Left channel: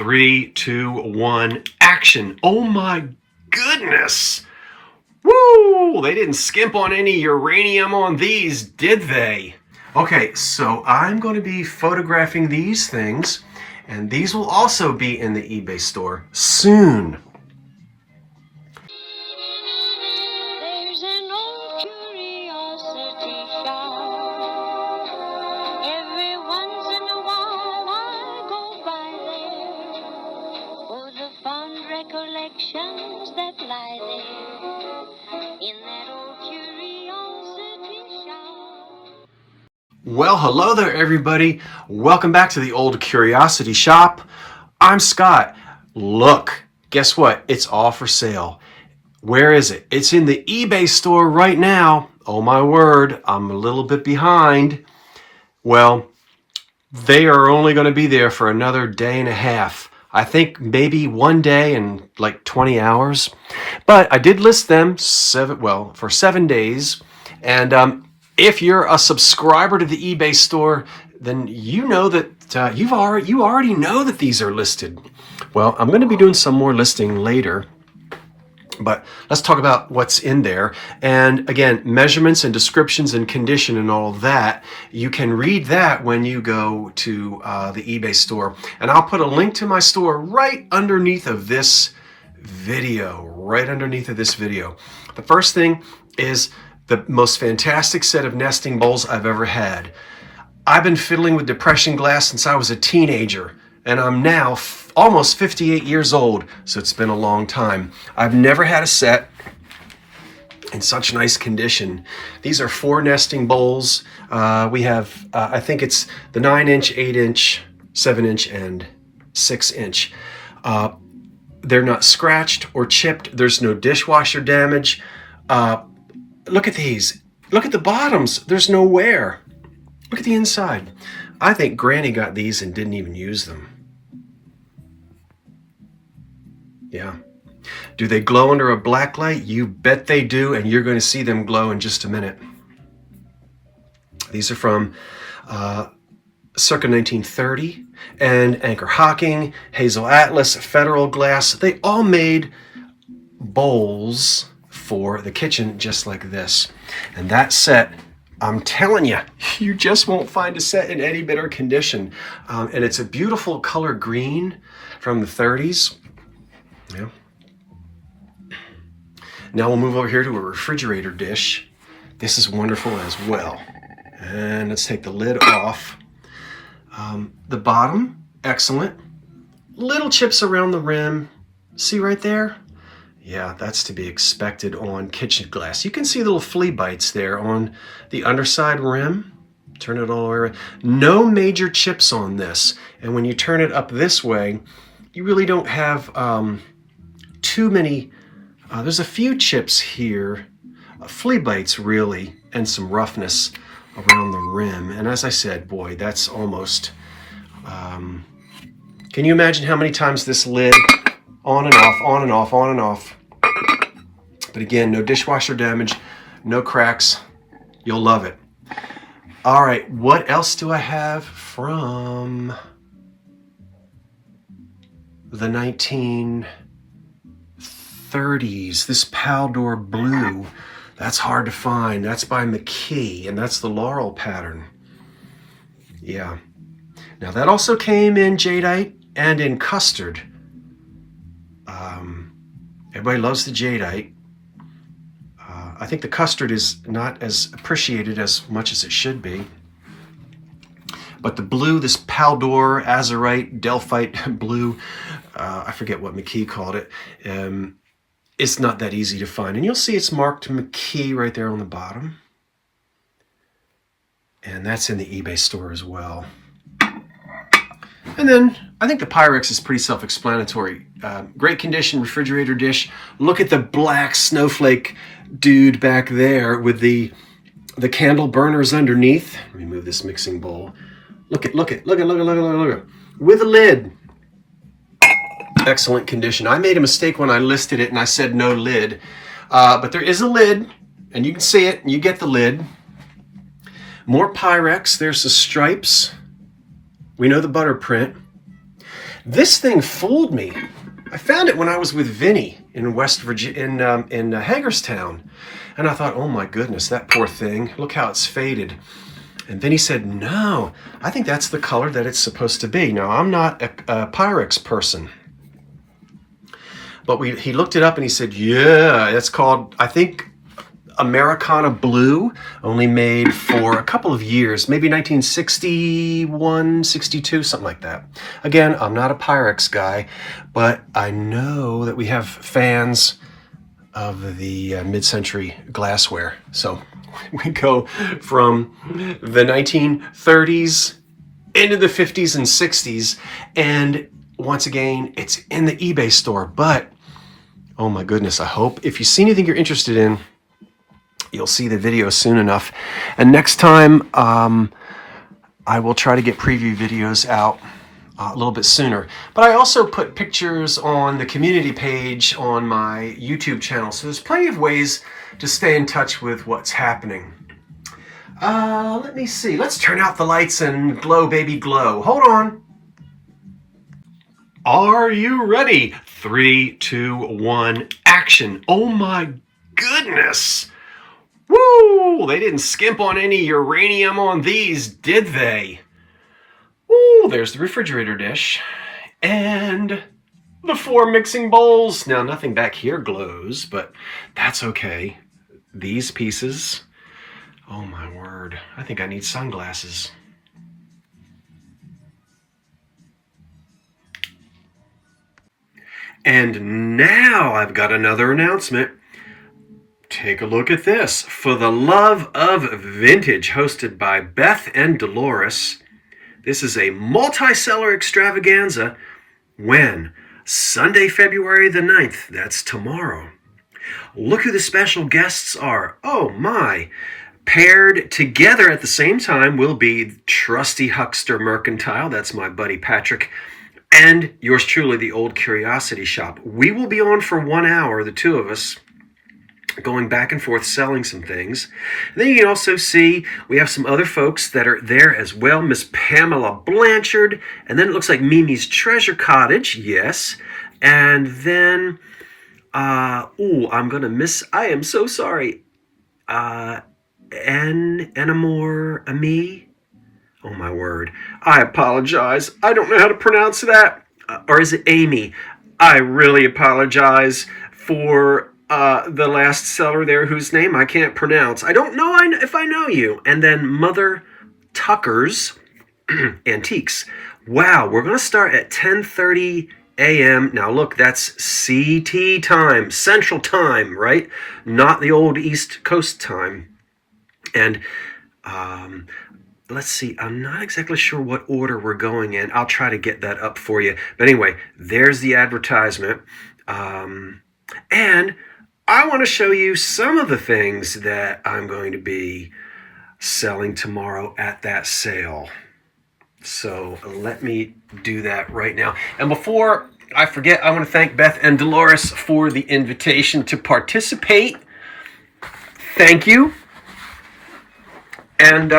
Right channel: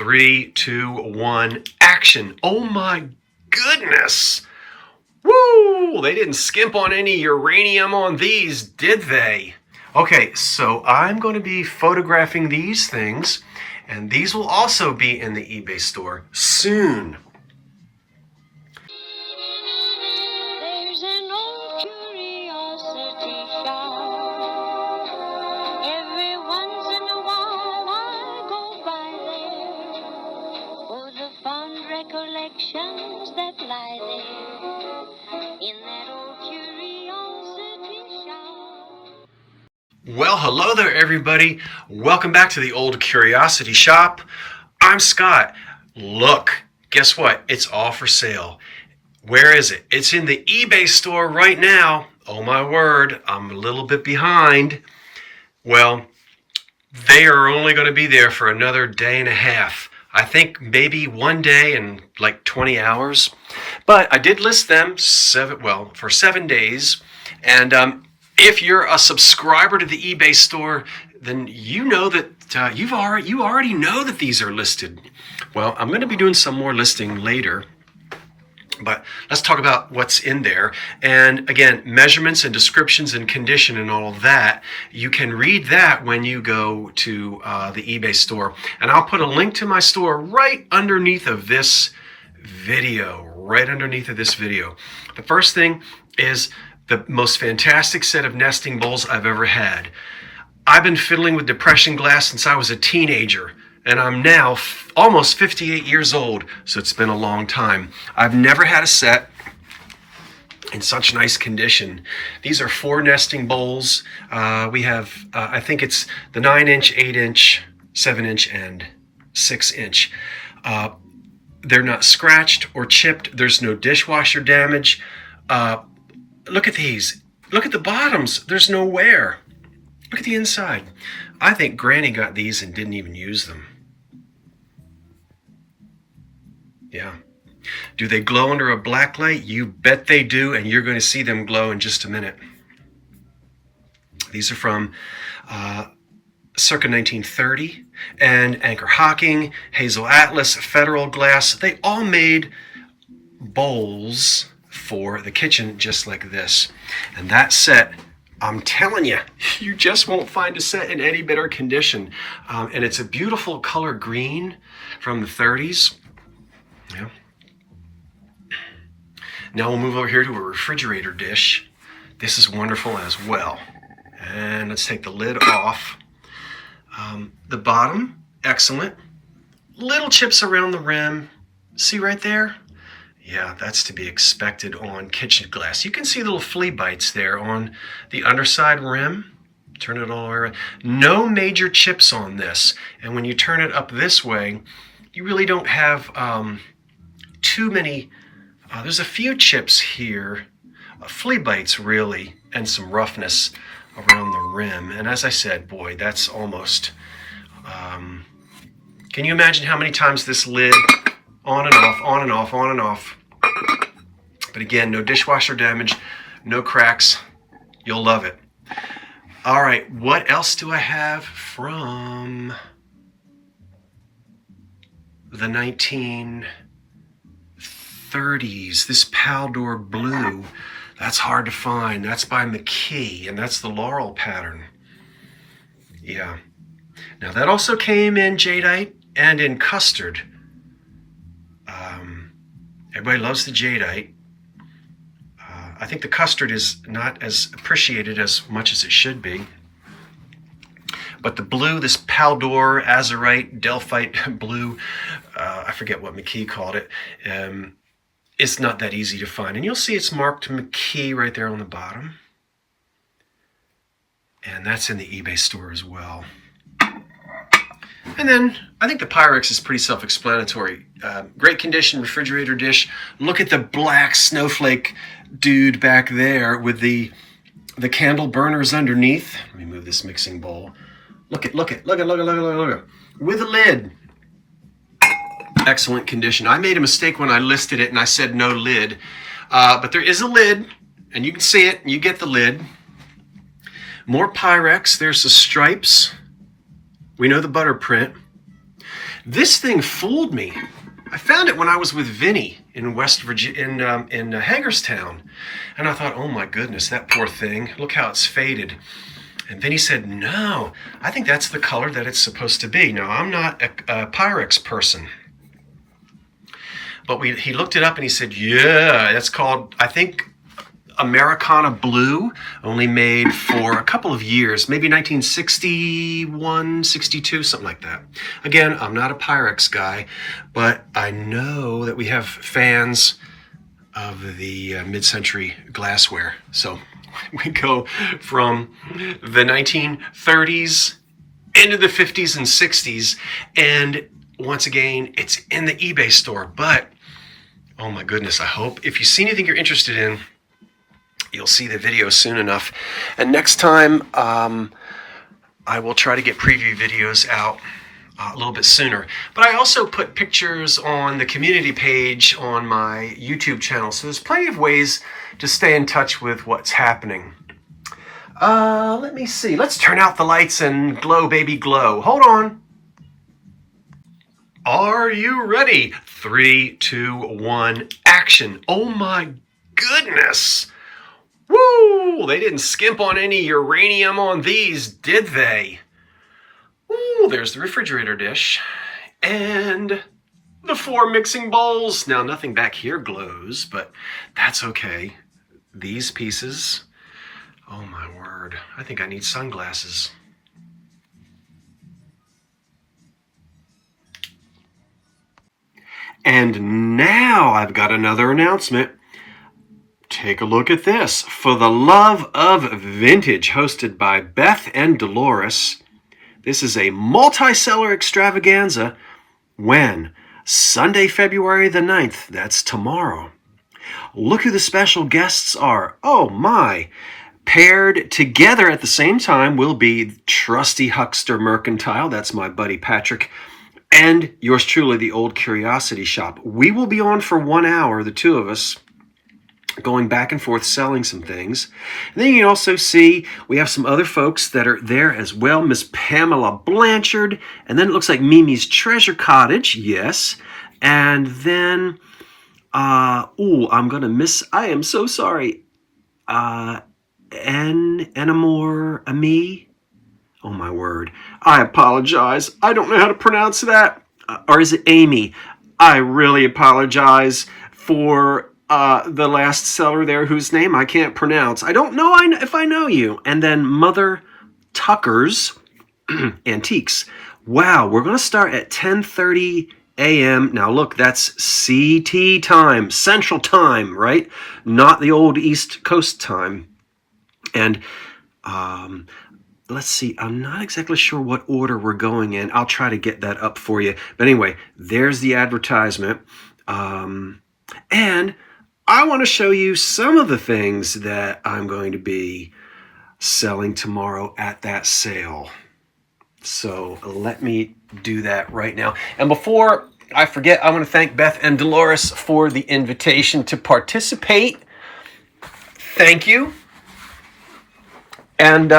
3, 2, 1, action. Oh my goodness. Woo! They didn't skimp on any uranium on these, did they? Okay, so I'm going to be photographing these things, and these will also be in the eBay store soon. There's an old curiosity shop. Every once in a while I go by there for the fond recollections that lie there in that old curiosity shop. Well, hello there, everybody. Welcome back to the Old Curiosity Shop. I'm Scott. Look, guess what? It's all for sale. Where is it? It's in the eBay store right now. Oh my word, I'm a little bit behind. Well, they are only going to be there for another day and a half. I think maybe one day and like 20 hours. But I did list them for 7 days. And if you're a subscriber to the eBay store, then you know that you already know that these are listed. Well, I'm going to be doing some more listing later. But let's talk about what's in there. And again, measurements and descriptions and condition and all that, you can read that when you go to the eBay store. And I'll put a link to my store right underneath of this video, The first thing is the most fantastic set of nesting bowls I've ever had. I've been fiddling with depression glass since I was a teenager. And I'm now almost 58 years old, so it's been a long time. I've never had a set in such nice condition. These are 4 nesting bowls. We have, I think it's the 9-inch, 8-inch, 7-inch, and 6-inch. They're not scratched or chipped. There's no dishwasher damage. Look at these. Look at the bottoms. There's no wear. Look at the inside. I think Granny got these and didn't even use them. Yeah. Do they glow under a black light? You bet they do, and you're going to see them glow in just a minute. These are from circa 1930, and Anchor Hocking, Hazel Atlas, Federal Glass. They all made bowls for the kitchen just like this. And that set, I'm telling you, you just won't find a set in any better condition. And it's a beautiful color green from the 30s. Yeah. Now we'll move over here to a refrigerator dish. This is wonderful as well. And let's take the lid off. The bottom, excellent. Little chips around the rim. See right there? Yeah, that's to be expected on kitchen glass. You can see little flea bites there on the underside rim. Turn it all around. No major chips on this. And when you turn it up this way, you really don't have too many. There's a few chips here, flea bites really, and some roughness around the rim. And as I said, boy, that's almost, can you imagine how many times this lid on and off, on and off, on and off. But again, no dishwasher damage, no cracks. You'll love it. All right, what else do I have from the 1930s? This Paldor Blue. That's hard to find. That's by McKee, and that's the Laurel pattern. Yeah. Now that also came in Jadeite and in custard. Everybody loves the Jadeite. I think the custard is not as appreciated as much as it should be. But the blue, this Paldor, Azurite, Delphite blue, I forget what McKee called it, it's not that easy to find. And you'll see it's marked McKee right there on the bottom. And that's in the eBay store as well. And then I think the Pyrex is pretty self-explanatory. Great condition refrigerator dish. Look at the black snowflake dude back there with the candle burners underneath. Let me move this mixing bowl. Look at. With a lid. Excellent condition. I made a mistake when I listed it and I said no lid. But there is a lid, and you can see it, and you get the lid. More Pyrex. There's the stripes. We know the butter print. This thing fooled me. I found it when I was with Vinny in West Virginia, in Hagerstown. And I thought, oh my goodness, that poor thing. Look how it's faded. And then he said, no, I think that's the color that it's supposed to be. Now, I'm not a Pyrex person. But he looked it up and he said, yeah, that's called, I think, Americana Blue, only made for a couple of years, maybe 1961, 62, something like that. Again, I'm not a Pyrex guy, but I know that we have fans of the mid-century glassware. So we go from the 1930s into the 50s and 60s, and once again, it's in the eBay store. But oh my goodness, I hope if you see anything you're interested in, you'll see the video soon enough. And next time, I will try to get preview videos out a little bit sooner. But I also put pictures on the community page on my YouTube channel. So there's plenty of ways to stay in touch with what's happening. Let me see. Let's turn out the lights and glow, baby, glow. Hold on. Are you ready? 3, 2, 1, action. Oh my goodness. Woo! They didn't skimp on any uranium on these, did they? Woo! There's the refrigerator dish. And the 4 mixing bowls. Now, nothing back here glows, but that's okay. These pieces. Oh my word. I think I need sunglasses. And now I've got another announcement. Take a look at this. For the Love of Vintage, hosted by Beth and Dolores. This is a multi-seller extravaganza. When? Sunday, February the 9th. That's tomorrow. Look who the special guests are. Oh my. Paired together at the same time will be Trusty Huckster Mercantile. That's my buddy Patrick. And yours truly, the Old Curiosity Shop. We will be on for 1 hour, the two of us, going back and forth selling some things. And then you can also see we have some other folks that are there as well. Miss Pamela Blanchard. And then it looks like Mimi's Treasure Cottage. Yes. And then, I'm going to miss, I am so sorry. Enamore Ami. Oh my word. I apologize. I don't know how to pronounce that. Or is it Amy? I really apologize for the last seller there whose name I can't pronounce. I don't know if I know you. And then Mother Tucker's Antiques. Wow, we're going to start at 10:30 a.m. Now look, that's CT time, Central Time, right? Not the old East Coast time. And let's see, I'm not exactly sure what order we're going in. I'll try to get that up for you. But anyway, there's the advertisement. And I want to show you some of the things that I'm going to be selling tomorrow at that sale. So let me do that right now. And before I forget, I want to thank Beth and Dolores for the invitation to participate. Thank you. And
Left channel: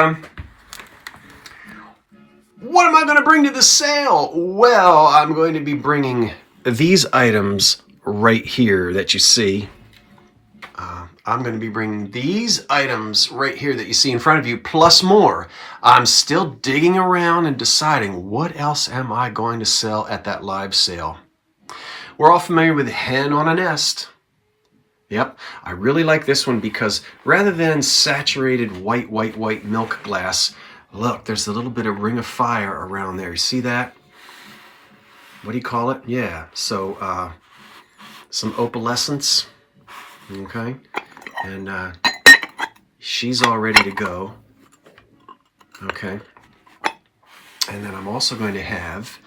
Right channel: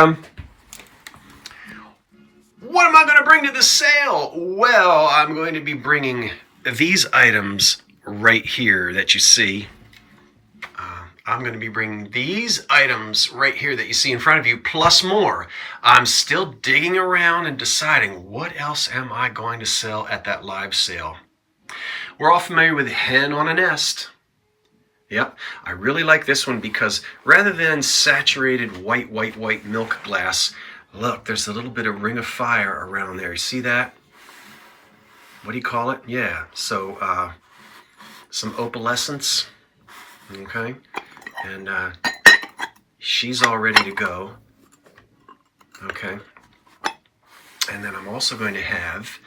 what am I going to bring to the sale? Well, I'm going to be bringing these items right here that you see. I'm going to be bringing these items right here that you see in front of you, plus more. I'm still digging around and deciding what else am I going to sell at that live sale. We're all familiar with Hen on a Nest. Yep, I really like this one because rather than saturated white milk glass, look, there's a little bit of ring of fire around there. You see that? What do you call it? Yeah, so some opalescence, okay? And she's all ready to go, okay? And then I'm also going to have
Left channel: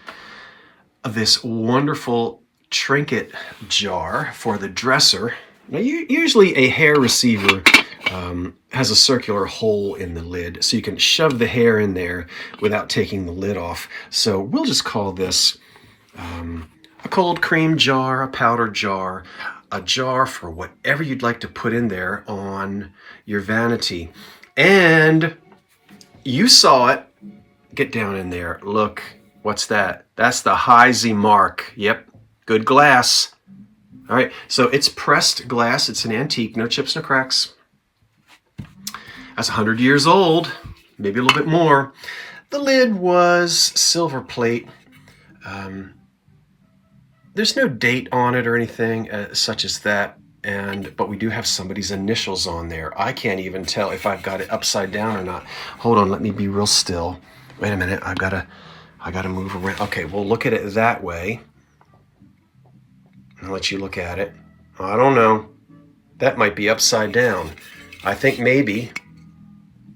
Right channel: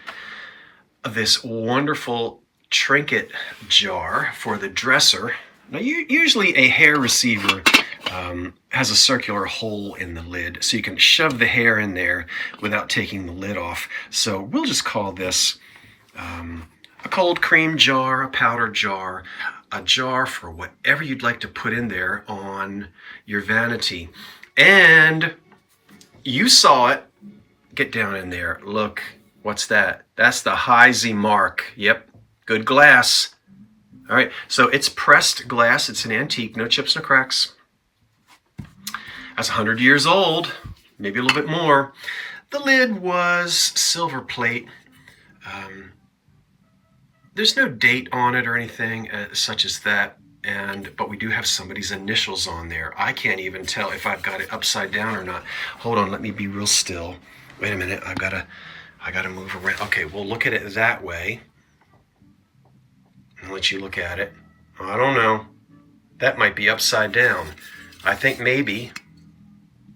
this wonderful trinket jar for the dresser. Now, usually a hair receiver has a circular hole in the lid, so you can shove the hair in there without taking the lid off. So we'll just call this a cold cream jar, a powder jar, a jar for whatever you'd like to put in there on your vanity. And you saw it. Get down in there. Look What's that? That's the Heisey mark. Yep, good glass. All right, so it's pressed glass. It's an antique, no chips, no cracks. That's 100 years old, maybe a little bit more. The lid was silver plate. There's no date on it or anything such as that, but we do have somebody's initials on there. I can't even tell if I've got it upside down or not. Hold on, let me be real still. Wait a minute, I gotta move around. Okay, we'll look at it that way. I'll let you look at it. I don't know. That might be upside down. I think maybe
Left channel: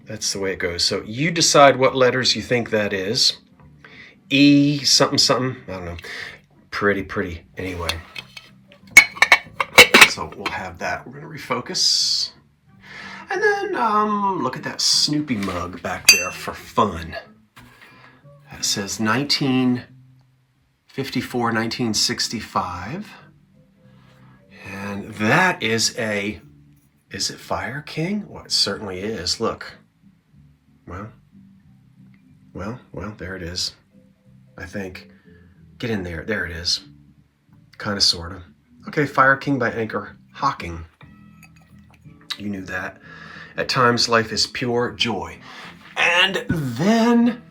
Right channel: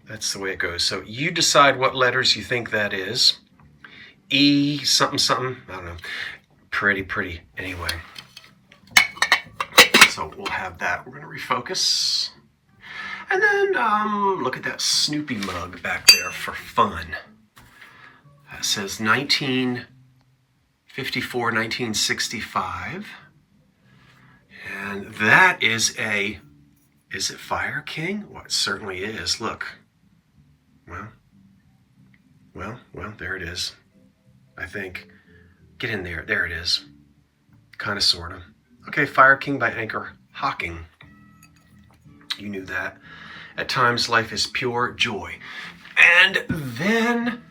that's the way it goes. So you decide what letters you think that is. E something something. I don't know. Pretty. Anyway. So we'll have that. We're going to refocus. And then look at that Snoopy mug back there for fun. That says 1954, 1965. And that is it Fire King? Well, it certainly is. Look. Well, there it is. I think. Get in there. There it is. Kind of, sort of. Okay, Fire King by Anchor Hocking. You knew that. At times, life is pure joy. And then...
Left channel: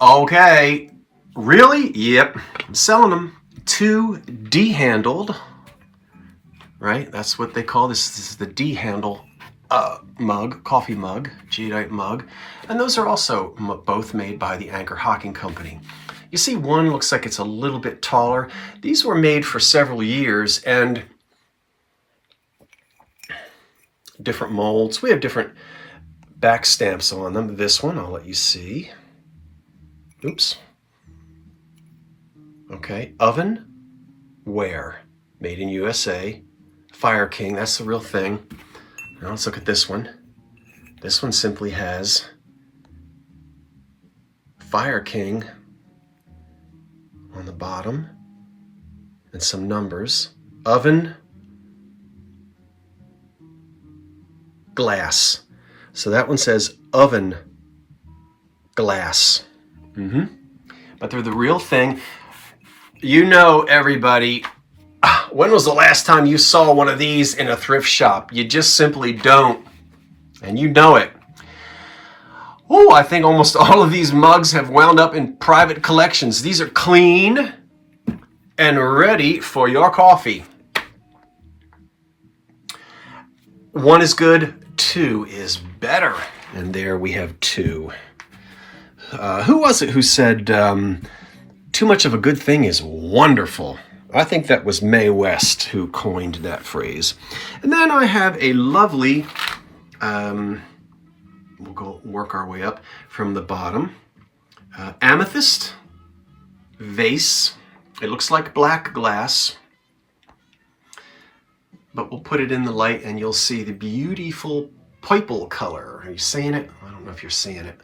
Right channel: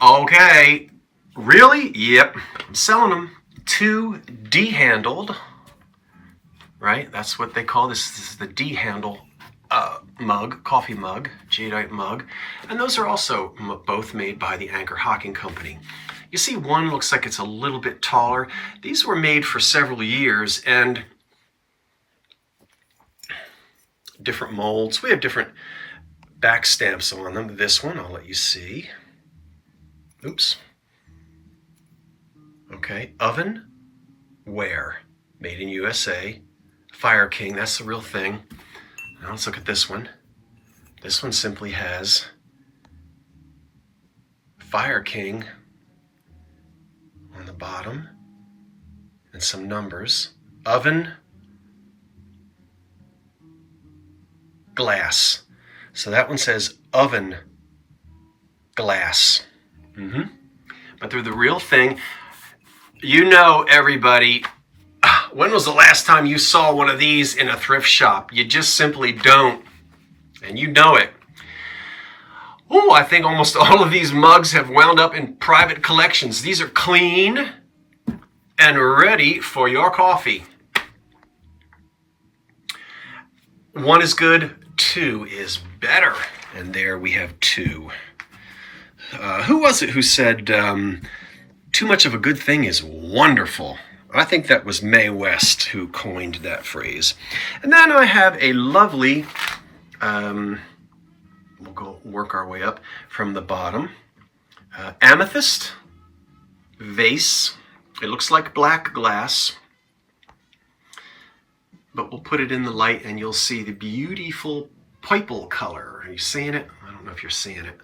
Okay. Really? Yep. I'm selling them. 2 D-handled. Right? That's what they call this. This is the D-handle mug, coffee mug, Jadeite mug. And those are also both made by the Anchor Hocking Company. You see, one looks like it's a little bit taller. These were made for several years, and different molds. We have different back stamps on them. This one, I'll let you see. Oops. Okay, oven ware, made in USA. Fire King, that's the real thing. Now let's look at this one. This one simply has Fire King on the bottom and some numbers. Oven glass. So that one says oven glass. But they're the real thing. You know, everybody, when was the last time you saw one of these in a thrift shop? You just simply don't. And you know it. Oh, I think almost all of these mugs have wound up in private collections. These are clean and ready for your coffee. 1 is good, 2 is better. And there we have 2. Who was it who said, too much of a good thing is wonderful? I think that was Mae West who coined that phrase. And then I have a lovely, we'll go work our way up from the bottom, amethyst vase. It looks like black glass, but we'll put it in the light and you'll see the beautiful purple color. Are you seeing it? I don't know if you're seeing it.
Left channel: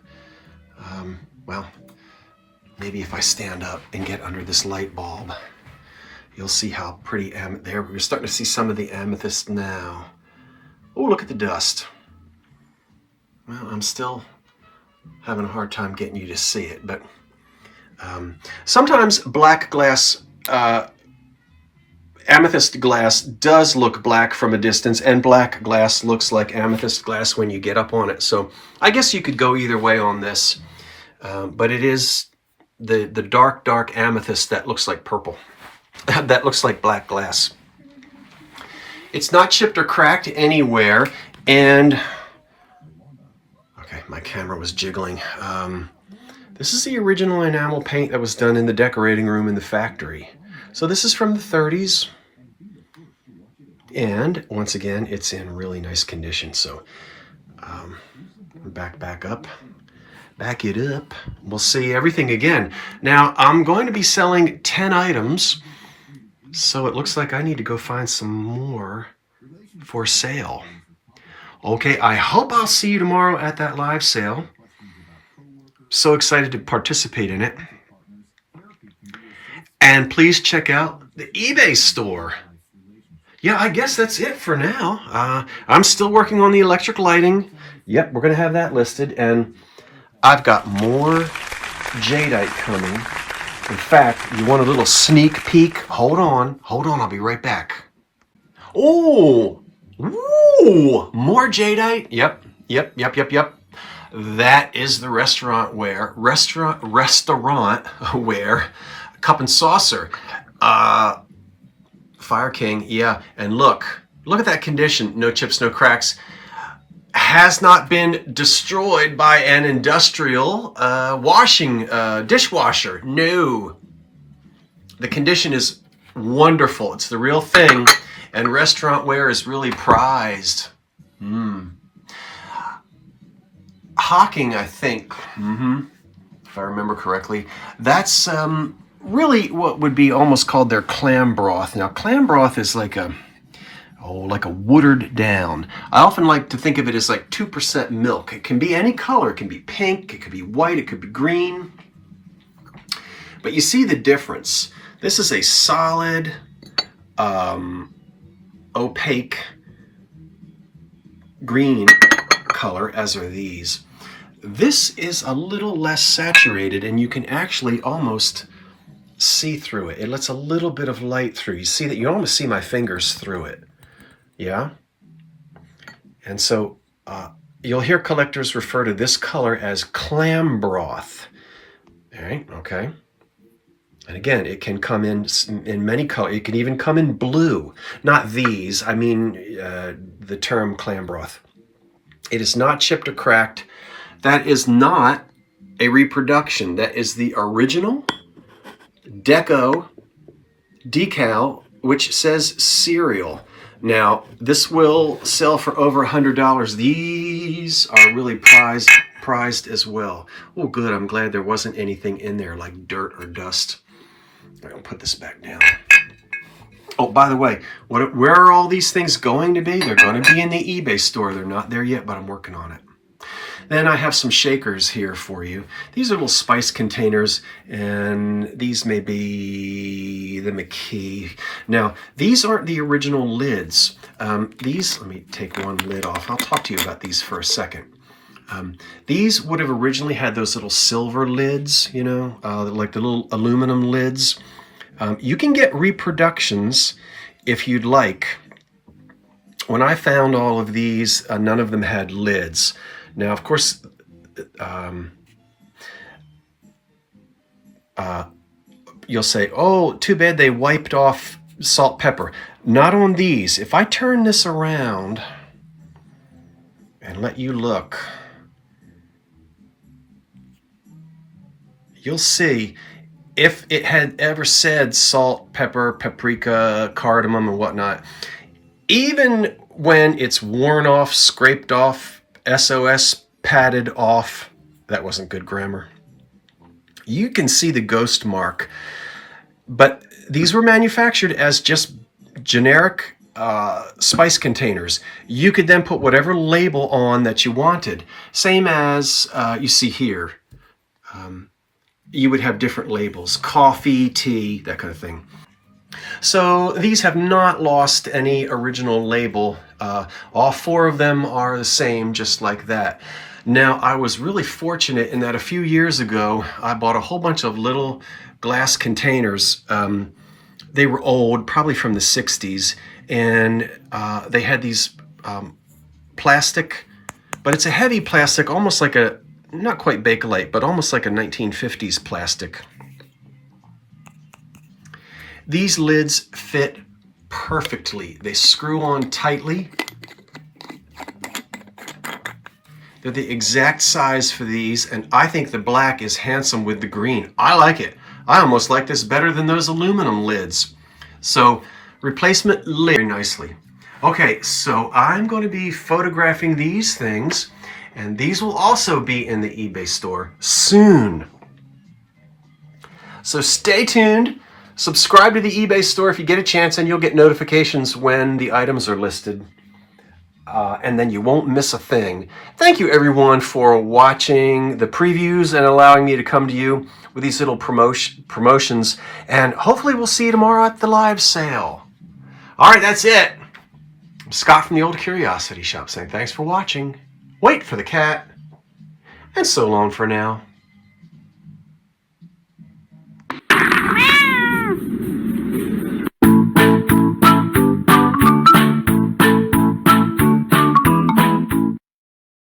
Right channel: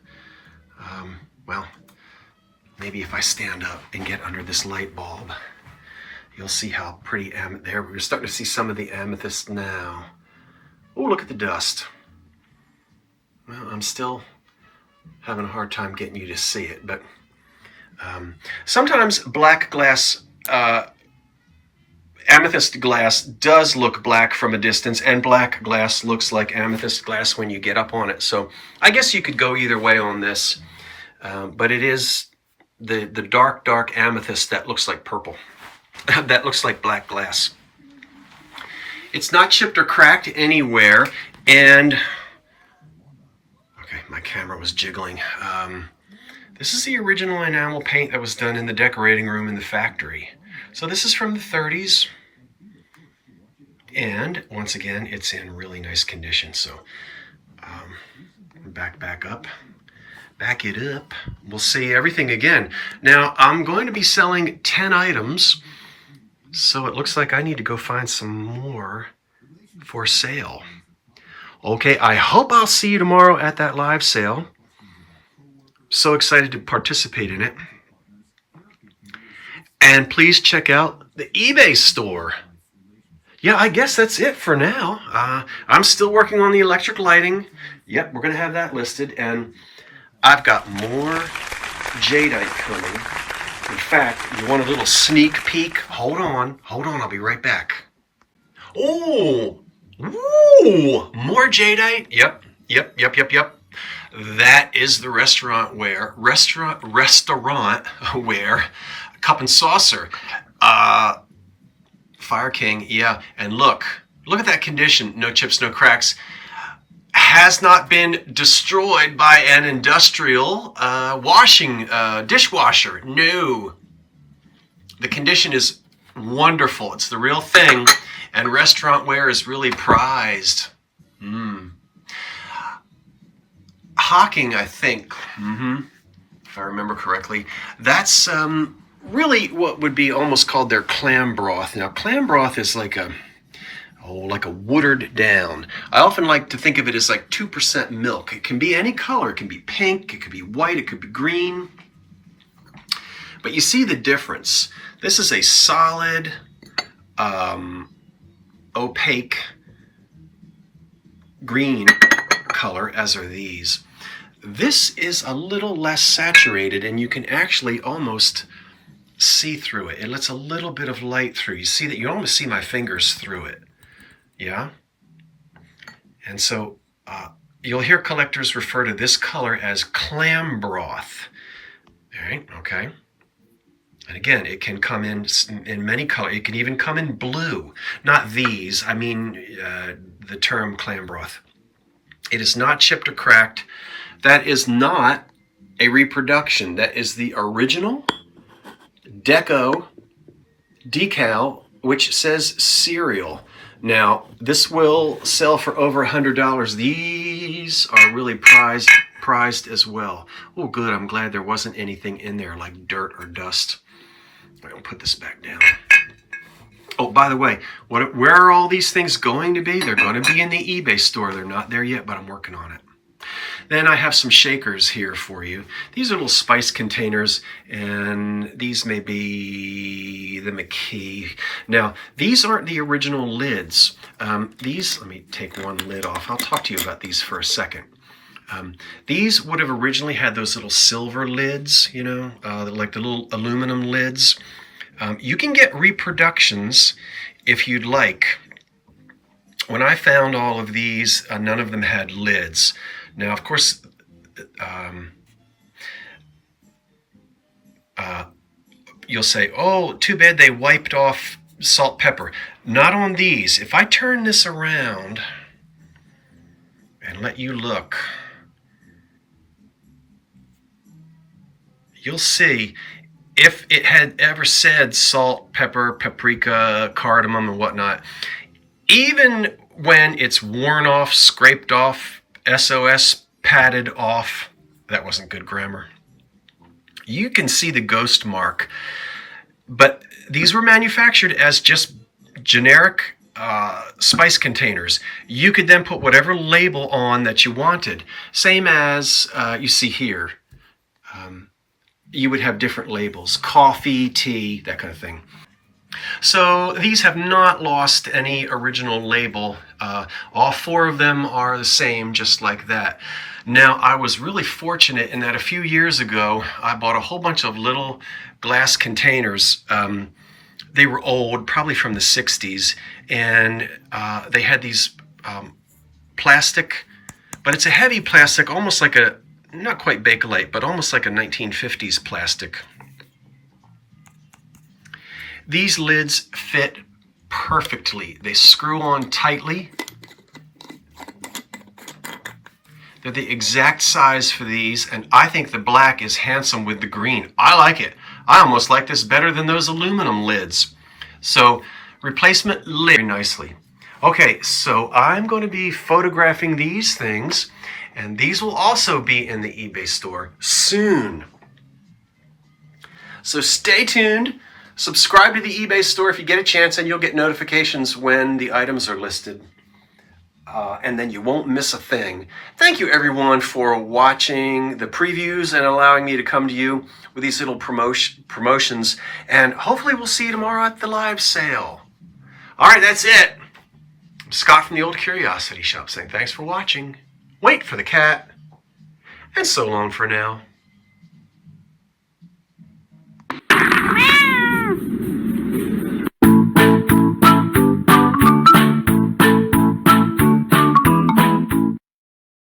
Well, maybe if I stand up and get under this light bulb, you'll see how pretty there. We're starting to see some of the amethyst now. Oh, look at the dust. Well, I'm still having a hard time getting you to see it, but sometimes black glass, amethyst glass does look black from a distance, and black glass looks like amethyst glass when you get up on it. So I guess you could go either way on this, but it is the dark amethyst that looks like purple. That looks like black glass. It's not chipped or cracked anywhere, and okay, my camera was jiggling. This is the original enamel paint that was done in the decorating room in the factory. So this is from the 30s, and once again, it's in really nice condition. So back up. Back it up. We'll see everything again. Now, I'm going to be selling 10 items, so it looks like I need to go find some more for sale. Okay, I hope I'll see you tomorrow at that live sale. So excited to participate in it. And please check out the eBay store. Yeah, I guess that's it for now. I'm still working on the electric lighting. Yep, we're going to have that listed. And I've got more Jadeite coming. In fact, you want a little sneak peek? Hold on, I'll be right back. Oh, ooh, more Jadeite. Yep. That is the restaurant ware cup and saucer. Fire King, yeah. And look at that condition. No chips, no cracks. Has not been destroyed by an industrial dishwasher. No. The condition is wonderful. It's the real thing. And restaurant ware is really prized. Hocking, I think, if I remember correctly, that's really what would be almost called their clam broth. Now, clam broth is like a watered down. I often like to think of it as like 2% milk. It can be any color. It can be pink, it could be white, it could be green. But you see the difference. This is a solid, opaque green color, as are these. This is a little less saturated, and you can actually almost see through it. It lets a little bit of light through. You see that? You almost see my fingers through it. Yeah? And so you'll hear collectors refer to this color as clam broth. All right, okay. And again, it can come in many colors. It can even come in blue. Not these, I mean the term clam broth. It is not chipped or cracked. That is not a reproduction. That is the original decal, which says cereal. Now, this will sell for over $100. These are really prized as well. Oh, good. I'm glad there wasn't anything in there like dirt or dust. I'm going to put this back down. Oh, by the way, where are all these things going to be? They're going to be in the eBay store. They're not there yet, but I'm working on it. Then I have some shakers here for you. These are little spice containers, and these may be the McKee. Now, these aren't the original lids. Let me take one lid off. I'll talk to you about these for a second. These would have originally had those little silver lids, like the little aluminum lids. You can get reproductions if you'd like. When I found all of these, none of them had lids. Now, of course, you'll say, oh, too bad they wiped off salt, pepper. Not on these. If I turn this around and let you look, you'll see if it had ever said salt, pepper, paprika, cardamom, and whatnot, even when it's worn off, scraped off, SOS padded off, that wasn't good grammar, you can see the ghost mark. But these were manufactured as just generic spice containers. You could then put whatever label on that you wanted. Same as you see here. You would have different labels, coffee, tea, that kind of thing. So these have not lost any original label. All four of them are the same, just like that. Now, I was really fortunate in that a few years ago, I bought a whole bunch of little glass containers. They were old, probably from the 60s, and they had these plastic, but it's a heavy plastic, almost like not quite Bakelite, but almost like a 1950s plastic. These lids fit perfectly. They screw on tightly. They're the exact size for these, and I think the black is handsome with the green. I like it. I almost like this better than those aluminum lids. So, replacement lid very nicely. Okay, so I'm going to be photographing these things, and these will also be in the eBay store soon. So stay tuned. Subscribe to the eBay store if you get a chance, and you'll get notifications when the items are listed. And then you won't miss a thing. Thank you, everyone, for watching the previews and allowing me to come to you with these little promotions. And hopefully we'll see you tomorrow at the live sale. All right, that's it. I'm Scott from the Old Curiosity Shop saying thanks for watching. Wait for the cat. And so long for now. Meow.